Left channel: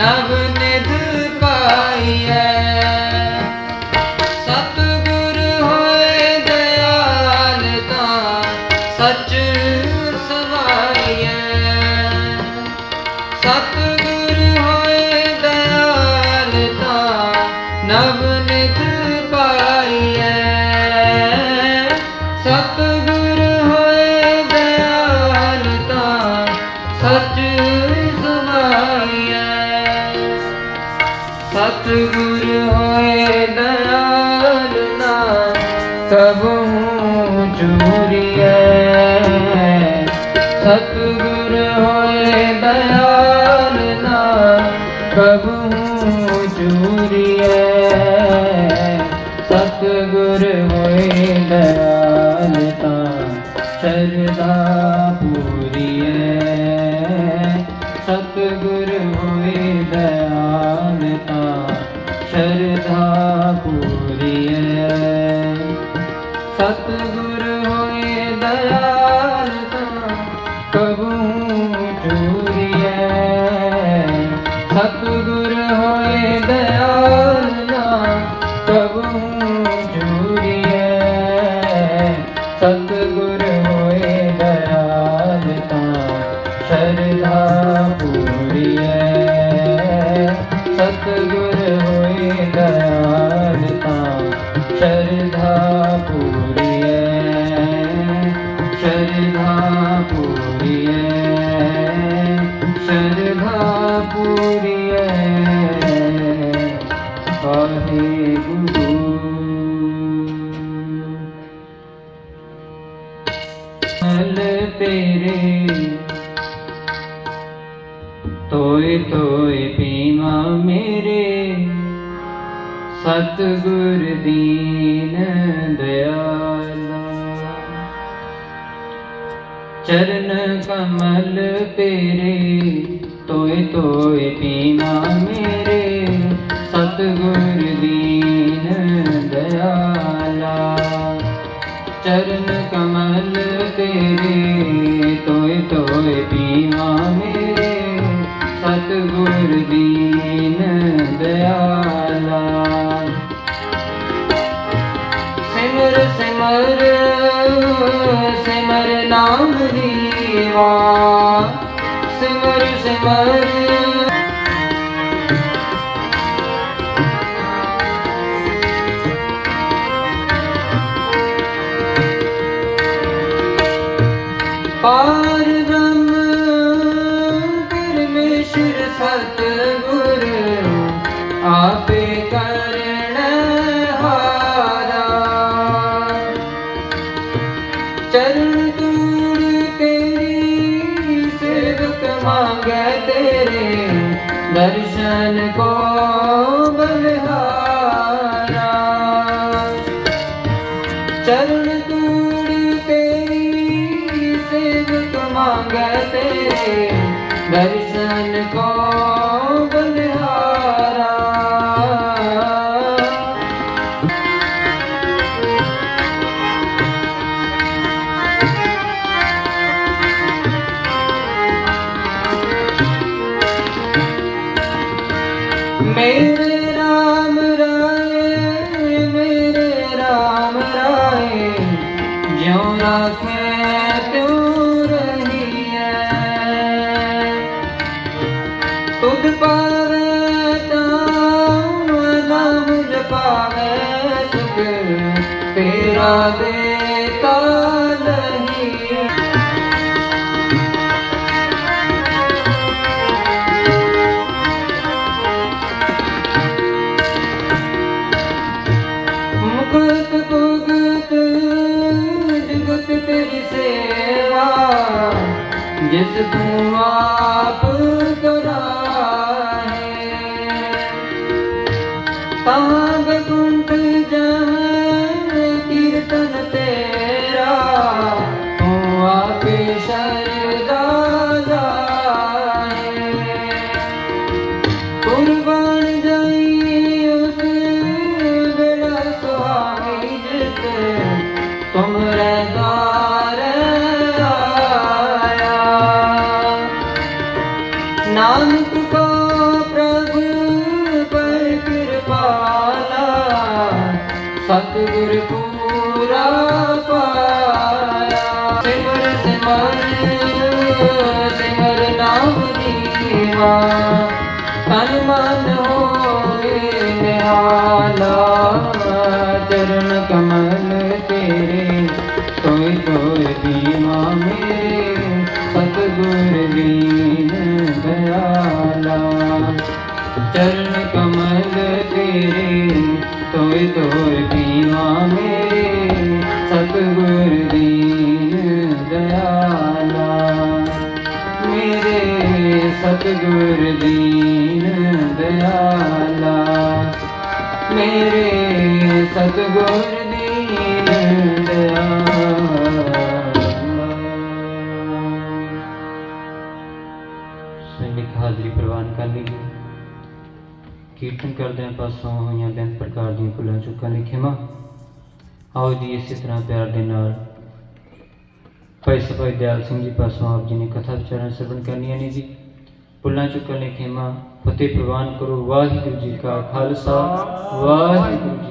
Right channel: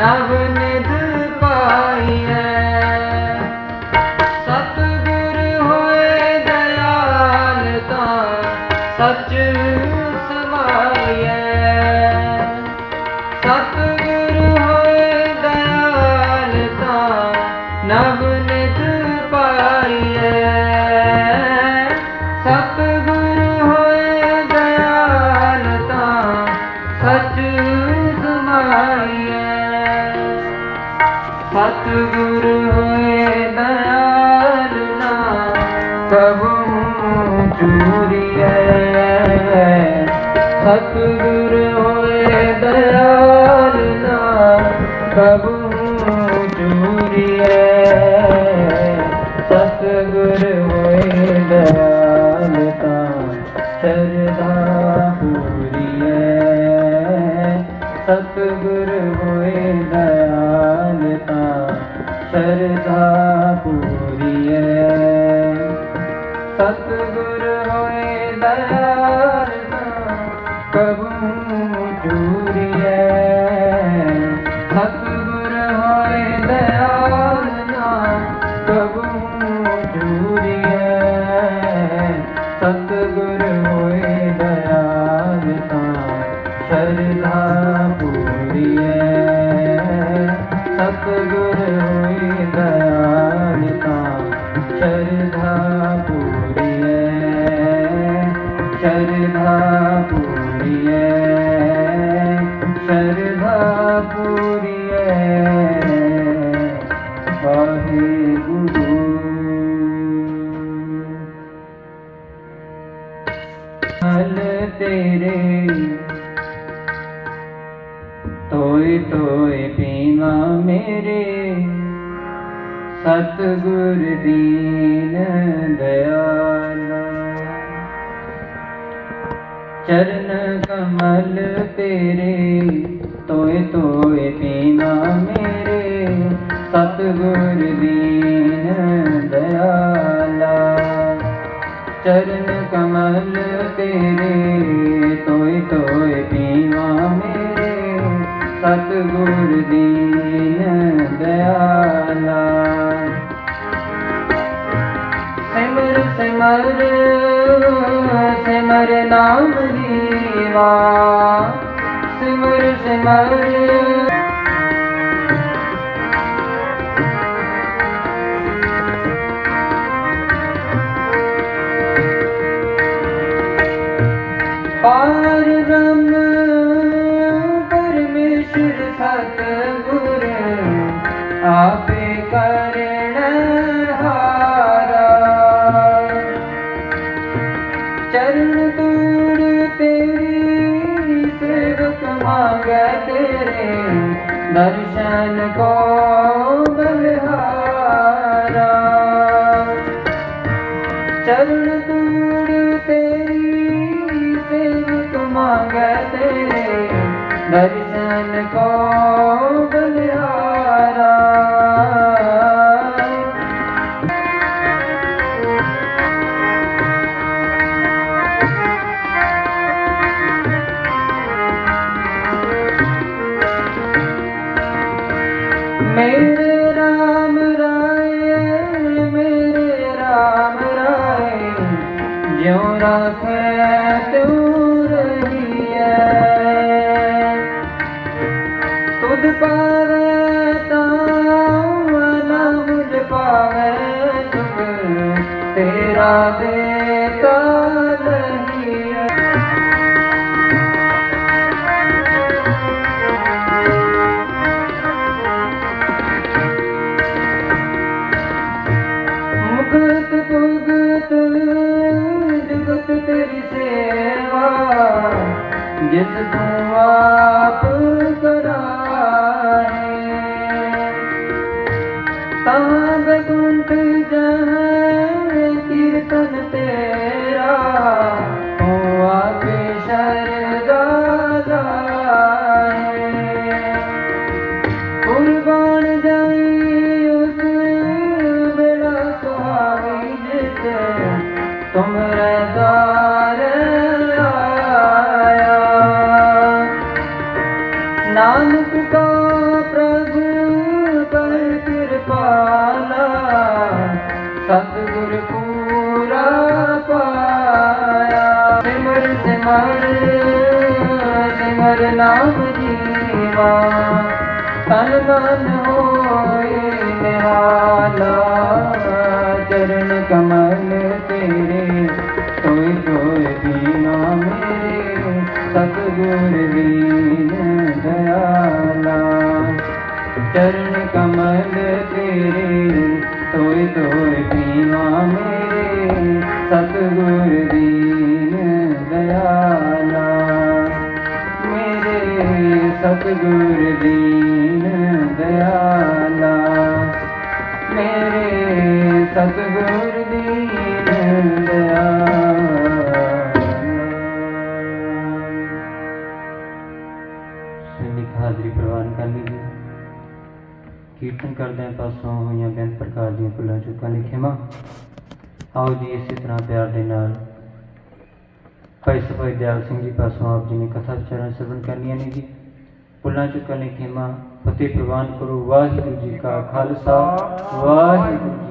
ਨਵ ਨਿਧ ਪਾਈਐ। ਸਤਗੁਰ ਹੋਏ ਦਇਆਲ ਤਾਂ ਸਚ ਸਵਾਈਐ। ਸਤਗੁਰ ਕਬੂ ਚੂਰੀਐ। ਸਤਿਗੁਰ ਹੋਏ ਦਇਆਲ ਨਾ ਕਬੂ ਚੂਰੀਐ। ਸਤਿਗੁਰ ਹੋਏ ਦਇਆਲ ਤਾਂ, ਸ਼ਰਧਾ ਪੂਰੀਐ। ਸਤਿਗੁਰ ਹੋਏ ਦਇਆਲ ਤਾਂ, ਸ਼ਰਧਾ ਪੂਰੀਐ। ਸਤਿਗੁਰ ਹੋਏ ਦਇਆਲ ਸ਼ਰਧਾ ਪੂਰੀਐ ਸ਼ਰਧਾ ਪੂਰੀਐ। ਵਾਹਿਗੁਰੂ। ਹਲ ਤੇਰੇ ਤੋਏ ਤੋਏ ਪੀਵਾ ਮੇਰੇ ਸਤਿਗੁਰ ਦੀਨ ਦਇਆਲਾ। ਚਰਨ ਕਮਲ ਤੇਰੇ, ਤੋਏ ਤੋਏ ਪੀਵਾ ਮੇਰੇ। ਸਤਿਗੁਰ ਦੀਨ ਦਇਆਲਾ, ਚਰਨ ਕਮਲ ਤੇਰੇ, ਤੋਏ ਤੋਏ ਪੀਵਾ ਮੇਰੇ। ਸਤਿਗੁਰ ਦੀਨ ਦਇਆਲਾ। ਸਿਮਰ ਸਿਮਰ ਸਿਮਰ ਨਾਮ ਸਿਮਰ ਸਿਮਰ ਪਾਰ ਦਰਸ਼ਨ ਕੋ ਬਲਿਹਾਰਾ ਮੇਰੇ ਰਾਮ ਰਾਏ ਮੇਰੇ ਰਾਮ ਰਾਏ ਜਿਉ ਰਾਖੈ ਤਿਉ ਤੇਰਾ ਦੇਤਾ ਨਹੀਂ ਮੁਕਤ ਭਗਤ ਜਗਤ ਤੇਰੀ ਸੇਵਾ ਜਿਸ ਤੂੰ ਆਪ ਕਰਾਏ ਤਾਂ ਬੇਕੁੰਠ ਨਾਨਕ ਕੋ ਪ੍ਰਭ ਪਰ ਕਿਰਪਾਲਾ ਸਤਿਗੁਰ ਪੂਰਾ ਪਾਇਆ। ਸਿਮਰ ਸਿਮਰ ਸਿਮਰ ਨਾਮ ਦੀਵਾ ਤਨ ਮਨ ਹੋਏ ਨਿਹਾਲਾ। ਚਰਨ ਕਮਲ ਤੇਰੇ, ਤੋਏ ਤੋਏ ਦੀਨਾ ਮੇਰੇ सतगुर दीन दयाला चरण कमल तेरे तोय तोय पीवा मेरे सतगुर दीन दयाला मेरे सतगुर दीन दयाला मेरे सतगुर दीन दयाला। ਹਾਜ਼ਰੀ ਪ੍ਰਵਾਨ ਕਰ ਲਈਏ। ਕੀਰਤਨ ਕਰਦਿਆਂ ਪਾਸੋਂ ਹੋਈਆਂ ਬੇਅੰਤ ਪ੍ਰਕਾਰ ਦੀਆਂ ਭੁੱਲਾਂ ਚੁੱਕਾਂ ਲਈ ਖਿਮਾ। ਆਓ ਜੀ, ਇਸੇ ਤਰ੍ਹਾਂ ਪਿਆਰ ਦੇ ਨਾਲ। ਭਾਈ ਸਭਾਈ ਦਿਆਲ ਸਿੰਘ ਜੀ ਪਾਸੋਂ ਆਪ ਜੀ ਨੇ ਕਥਾ ਵਿਚਾਰਾਂ ਸਰਵਣ ਕਰਨੀਆਂ ਨੇ ਜੀ। ਭੁੱਲਾਂ ਚੁੱਕਾਂ ਲਈ ਖਿਮਾ, ਫਤਿਹ ਪ੍ਰਵਾਨ ਕਰੋ। ਵਾਹਿਗੁਰੂ ਜੀ ਕਾ ਖਾਲਸਾ, ਵਾਹਿਗੁਰੂ